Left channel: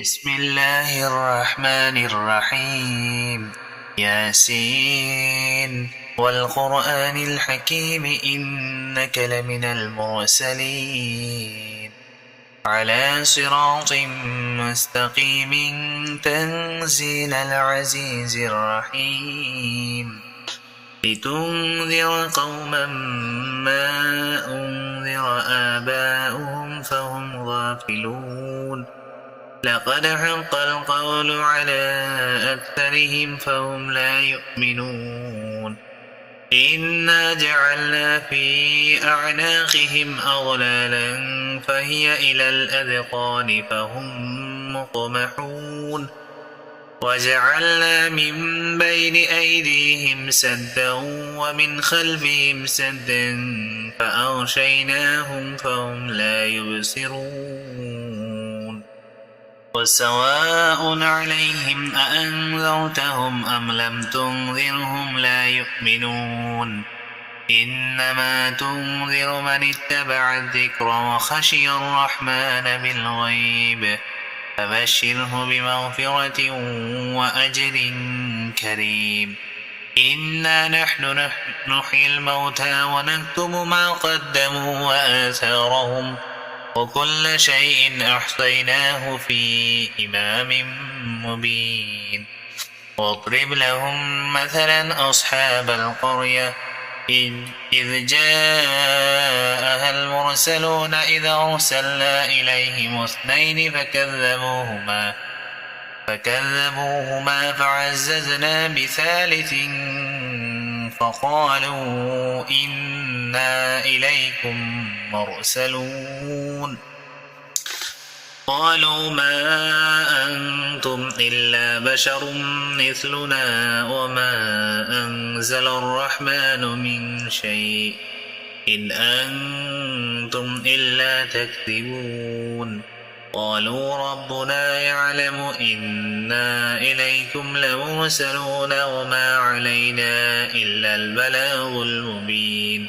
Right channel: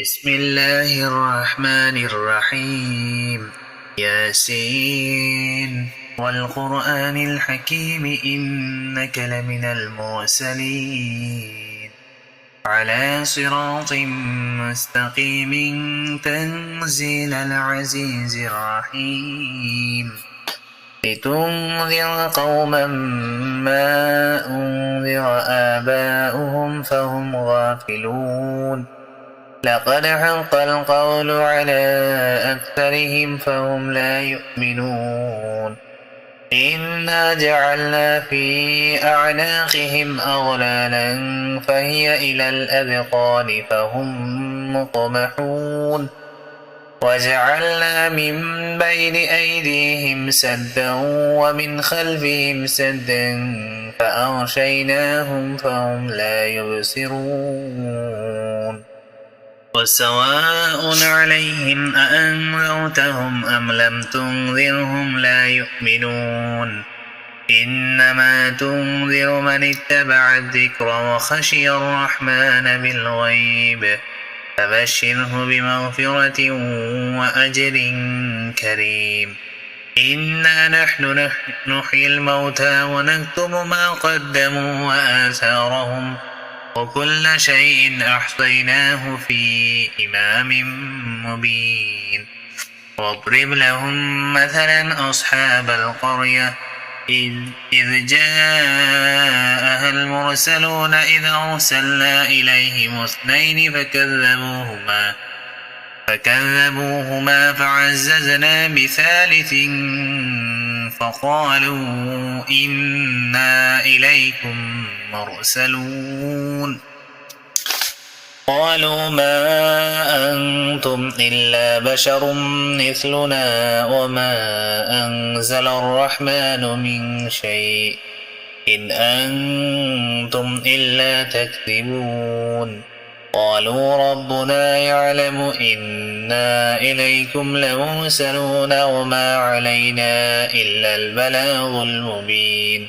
بسم الله الرحمن الرحيم ياسين والقرآن الحكيم إنك لمن المرسلين على صراط مستقيم تنزيل العزيز الرحيم لتنذر قوما ما أنذر آباؤهم فهم غافلون لقد حق القول على أكثرهم فهم لا يؤمنون إنا جعلنا في أعناقهم أغلالا فهي إلى الأذقان فهم مقمحون وجعلنا من بين أيديهم سدا ومن خلفهم سدا فأغشيناهم فهم لا يبصرون وسواء عليهم أأنذرتهم أم لم تنذرهم لا يؤمنون إنما تنذر من اتبع الذكر وخشي الرحمن بالغيب فبشره بمغفرة وأجر كريم إنا نحن نحيي الموتى ونكتب ما قدموا وآثارهم وكل شيء أحصيناه في إمام مبين واضرب لهم مثلا أصحاب القرية إذ جاءها المرسلون إذ أرسلنا إليهم اثنين فكذبوهما فعززنا بثالث فقالوا إنا إليكم مرسلون قالوا ما أنتم إلا بشر مثلنا وما أنزل الرحمن من شيء إن أنتم إلا تكذبون قالوا ربنا يعلم إنا إليكم لمرسلون وما علينا إلا البلاغ المبين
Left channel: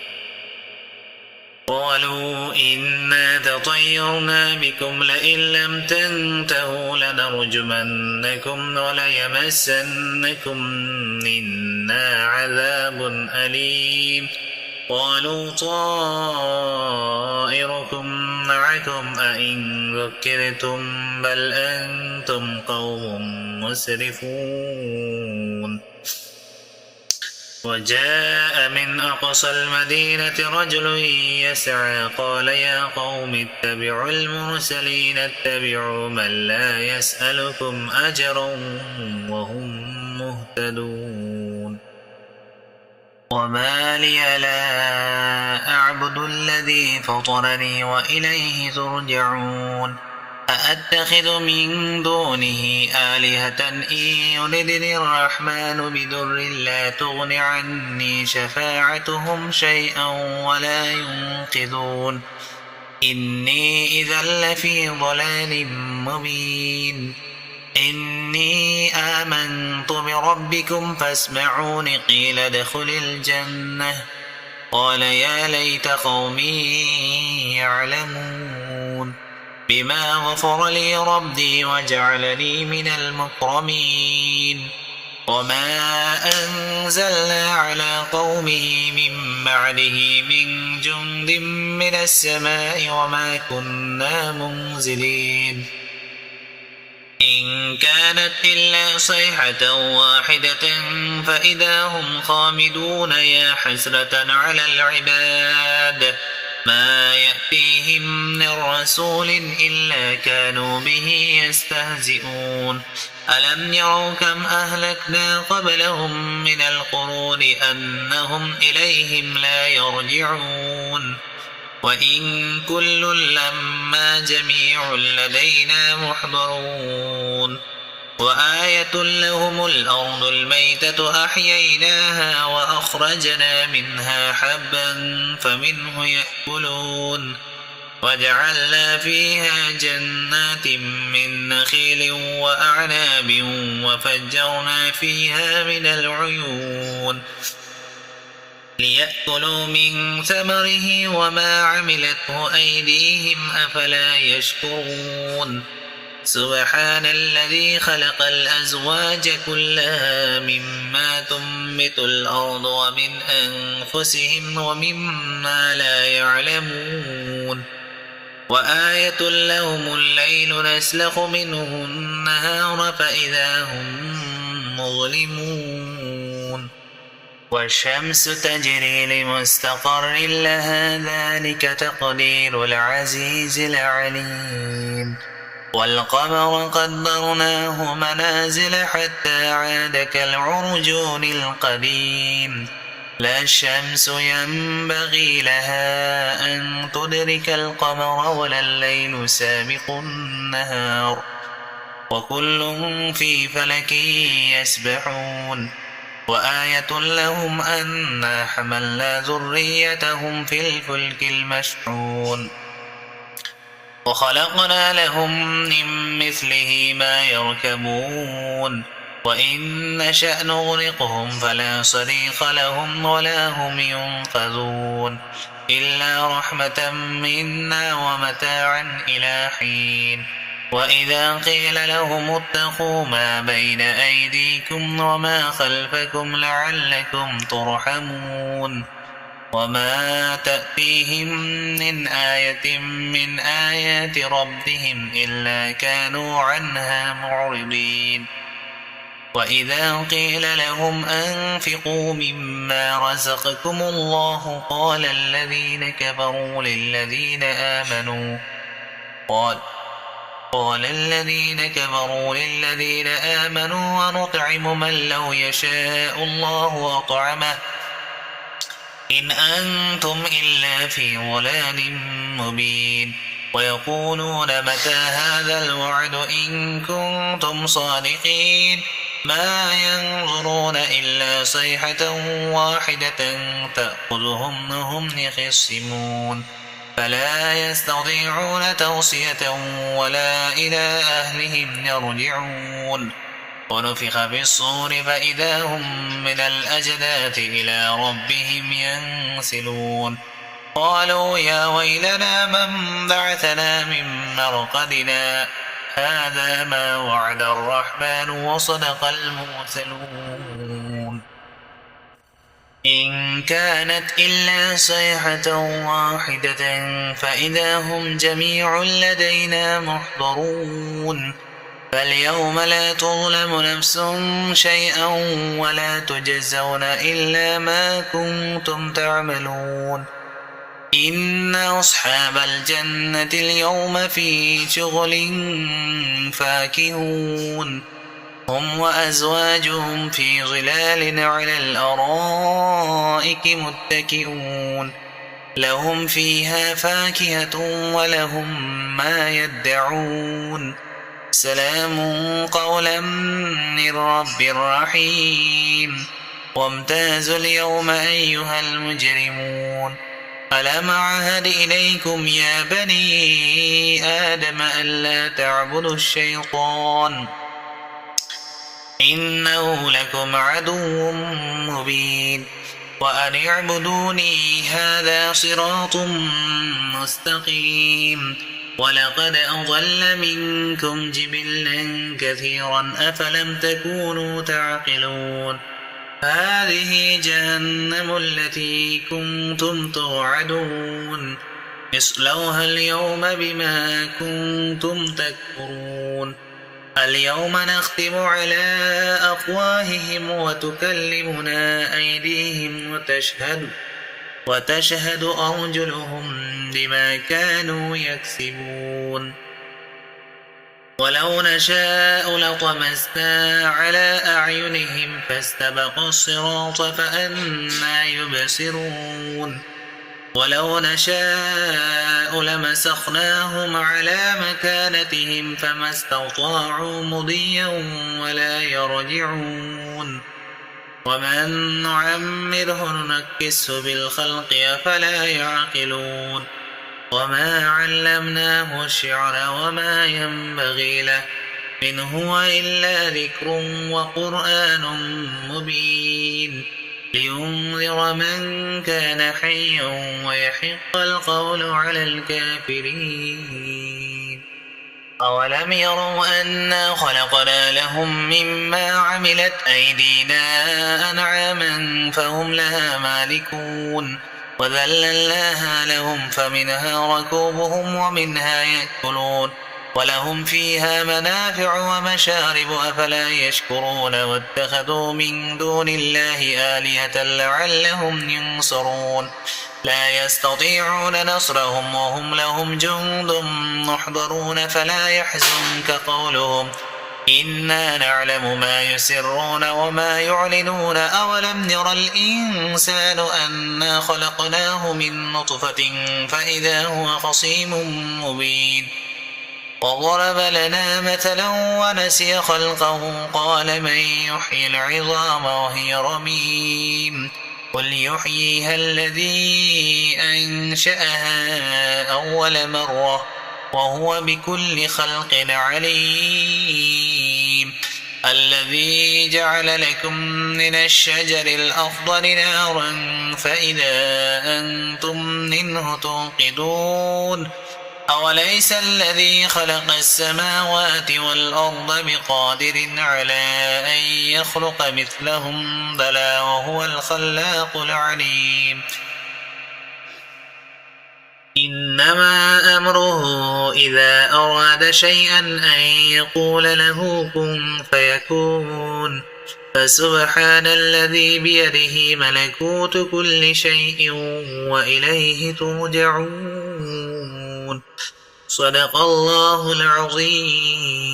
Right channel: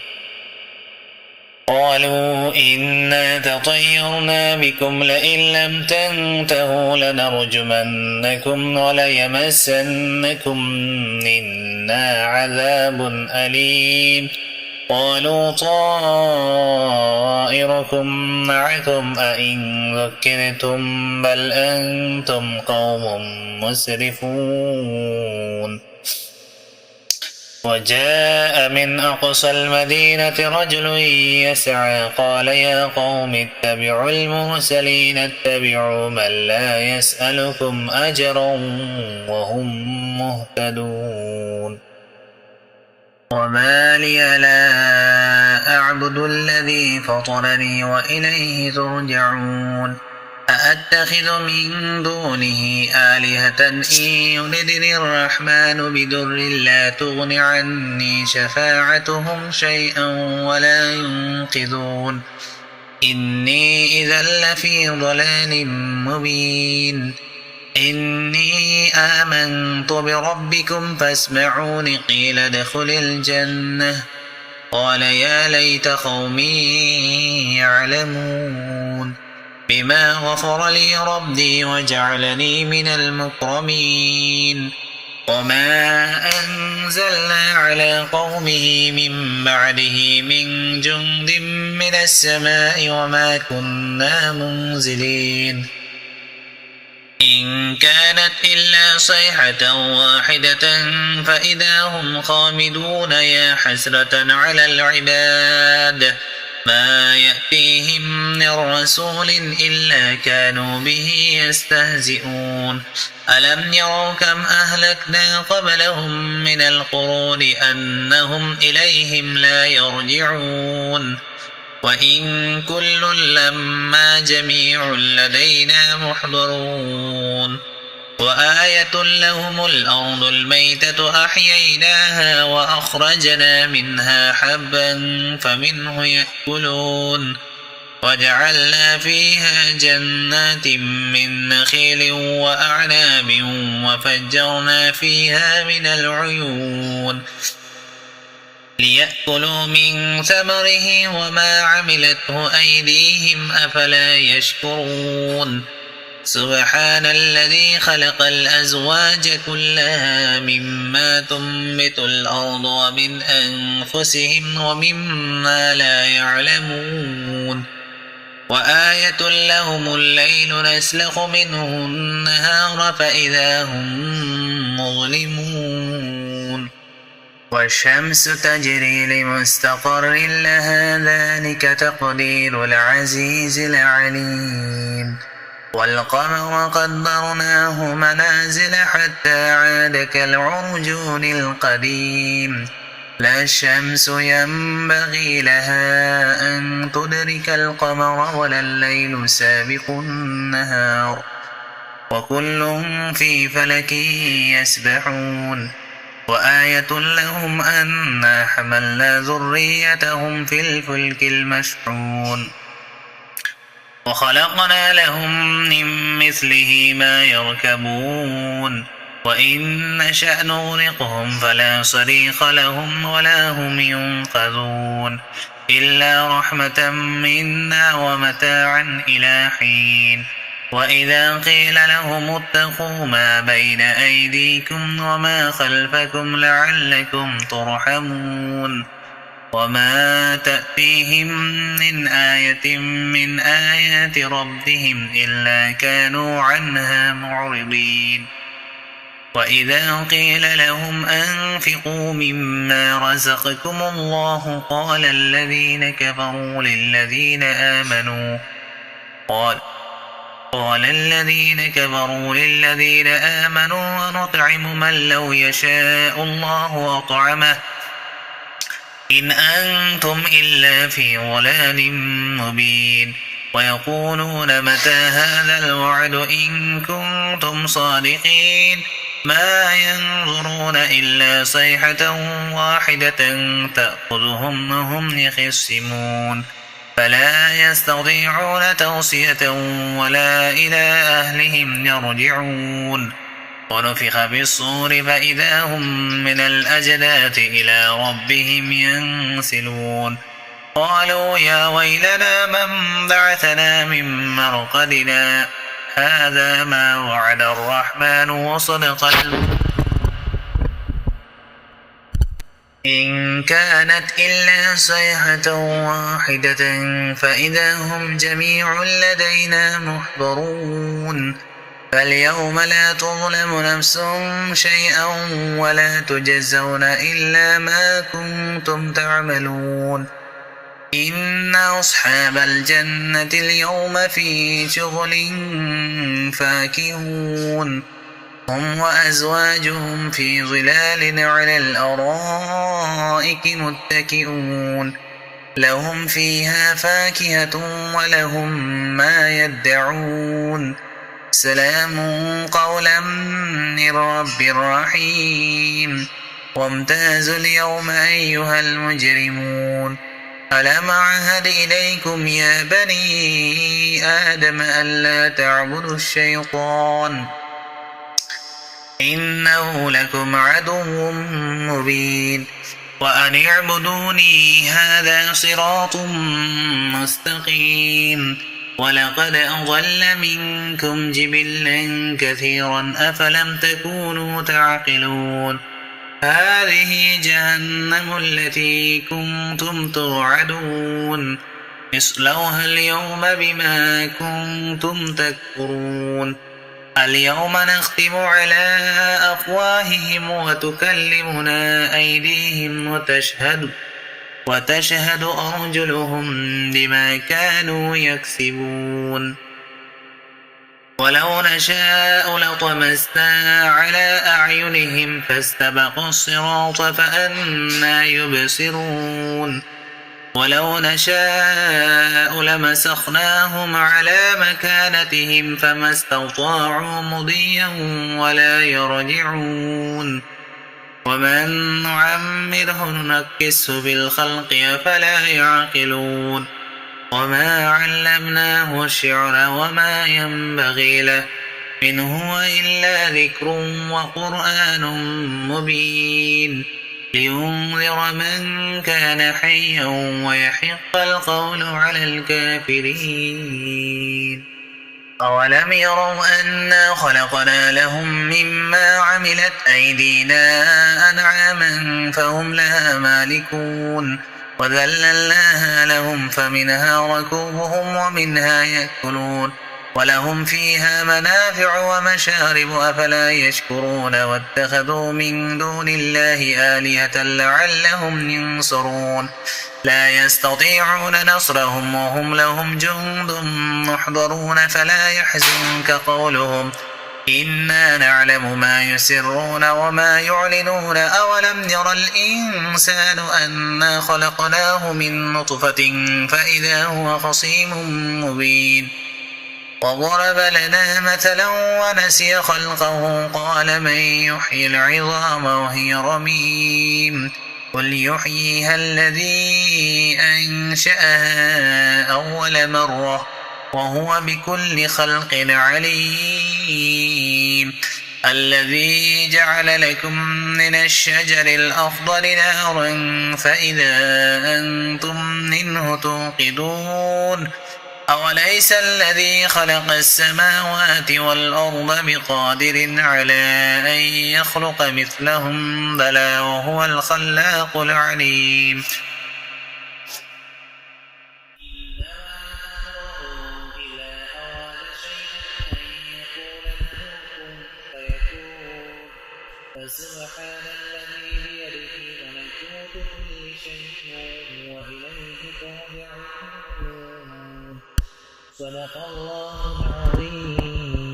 قالوا إنا تطيرنا بكم لئن لم تنتهوا لنرجمنكم وليمسنكم منا عذاب أليم قالوا طائركم معكم أئن ذكرتم بل أنتم قوم مسرفون وجاء من أقصى المدينة رجل يسعى قال يا قوم اتبعوا المرسلين اتبعوا من لا يسألكم أجرا وهم مهتدون وما لي لا أعبد الذي فطرني وإليه ترجعون أأتخذ من دونه آلهة إن يردني الرحمن بدر لا تغن عني شفاعتهم شيئا ولا ينقذون إني إذا لفي ضلال مبين إني آمنت بربكم فاسمعون قيل ادخل الجنة قال يا ليت قومي يعلمون بما غفر لي ربي وجعلني من المكرمين وما أنزلنا على قومه من بعده من جند من السماء وما كنا منزلين إن كانت إلا صيحة واحدة فإذا هم خامدون يا حسرة على العباد ما يأتيهم من رسول إلا كانوا به يستهزئون ألم يروا كم أهلكنا قبلهم من القرون أنهم إليهم لا يرجعون وإن كل لما جميع لدينا محضرون وآية لهم الأرض الميتة أحييناها وأخرجنا منها حبا فمنه يأكلون وجعلنا فيها جنات من نخيل وأعناب وفجرنا فيها من العيون ليأكلوا من ثمره وما عملته أيديهم أفلا يشكرون سبحان الذي خلق الأزواج كلها مما تنبت الأرض ومن أنفسهم ومما لا يعلمون وآية لهم الليل نسلخ منه النهار فإذا هم مظلمون والشمس تجري لمستقر لها ذلك تقدير العزيز العليم والقمر قدرناه منازل حتى عاد كالعرجون القديم لا الشمس ينبغي لها أن تدرك القمر ولا الليل سابق النهار وكل في فلك يسبحون وآية لهم أنا حملنا ذريتهم في الفلك المشحون وخلقنا لهم من مثله ما يركبون وإن نشأ نغرقهم فلا صريخ لهم ولا هم ينقذون إلا رحمة منا ومتاعا إلى حين وإذا قيل لهم اتقوا ما بين أيديكم وما خلفكم لعلكم ترحمون وما تأتيهم من آية من آيات ربهم إلا كانوا عنها معرضين وإذا قيل لهم أنفقوا مما رزقكم الله قال الذين كفروا للذين آمنوا ونطعم من لو يشاء الله أطعمه إن أنتم إلا في ضلال مبين ويقولون متى هذا الوعد إن كنتم صادقين ما ينظرون إلا صيحة واحدة تأخذهم وهم يخصمون فلا يستطيعون توصية ولا إلى أهلهم يرجعون ونفخ في الصور فإذا هم من الأجداث إلى ربهم ينسلون قالوا يا ويلنا من بعثنا من مرقدنا هذا ما وعد الرحمن وصدق المرسلون إن كانت إلا صيحة واحدة فإذا هم جميع لدينا محضرون فاليوم لا تظلم نفس شيئا ولا تجزون إلا ما كنتم تعملون إن أصحاب الجنة اليوم في شغل فاكهون هم وأزواجهم في ظلال على الأرائك متكئون لهم فيها فاكهة ولهم ما يدعون سلام قولا من رب رحيم وامتازوا اليوم أيها المجرمون ألم أعهد إليكم يا بني آدم ألا تعبدوا الشيطان إنه لكم عدو مبين وأن اعبدوني هذا صراط مستقيم ولقد أضل منكم جبلا كثيرا أفلم تكونوا تعقلون هذه جهنم التي كنتم توعدون اصلوها اليوم بما كنتم تكفرون اليوم نختم على أفواههم وتكلمنا أيديهم وتشهد أرجلهم بما كانوا يكسبون ولو نشاء لطمسنا على أعينهم فاستبقوا الصراط فأنى يبصرون ولو نشاء لمسخناهم على مكانتهم فما استطاعوا مضيا ولا يرجعون ومن نعمره ننكسه بالخلق أفلا يعقلون وما علمناه الشعر وما ينبغي له إن هو إلا ذكر وقرآن مبين لينذر من كان حيا ويحق القول على الكافرين أولم يروا أنا خلقنا لهم مما عملت أيدينا أنعاما فهم لها مالكون وذللناها لهم فمنها ركوبهم ومنها يأكلون ولهم فيها منافع ومشارب أفلا يشكرون واتخذوا من دون الله آلهة لعلهم ينصرون لا يستطيعون نصرهم وهم لهم جند محضرون فلا يحزنك قولهم إنا نعلم ما يسرون وما يعلنون أولم ير الإنسان أنا خلقناه من نطفة فإذا هو خصيم مبين وضرب لنا مثلا ونسي خلقه قال من يحيي العظام وهي رميم قل يحييها الذي أنشأها أول مرة وهو بكل خلق عليم الذي جعل لكم من الشجر الأخضر نارا فإذا أنتم منه توقدون أوليس الذي خلق السماوات والأرض بقادر على أن يخلق مثلهم بلى وهو الخلاق العليم إنما أمره إذا أراد شيئا أن يقول له كن فيكون فسبحان الذي بيده ملكوت كل شيء وإليه ترجعون صدق الله العظيم.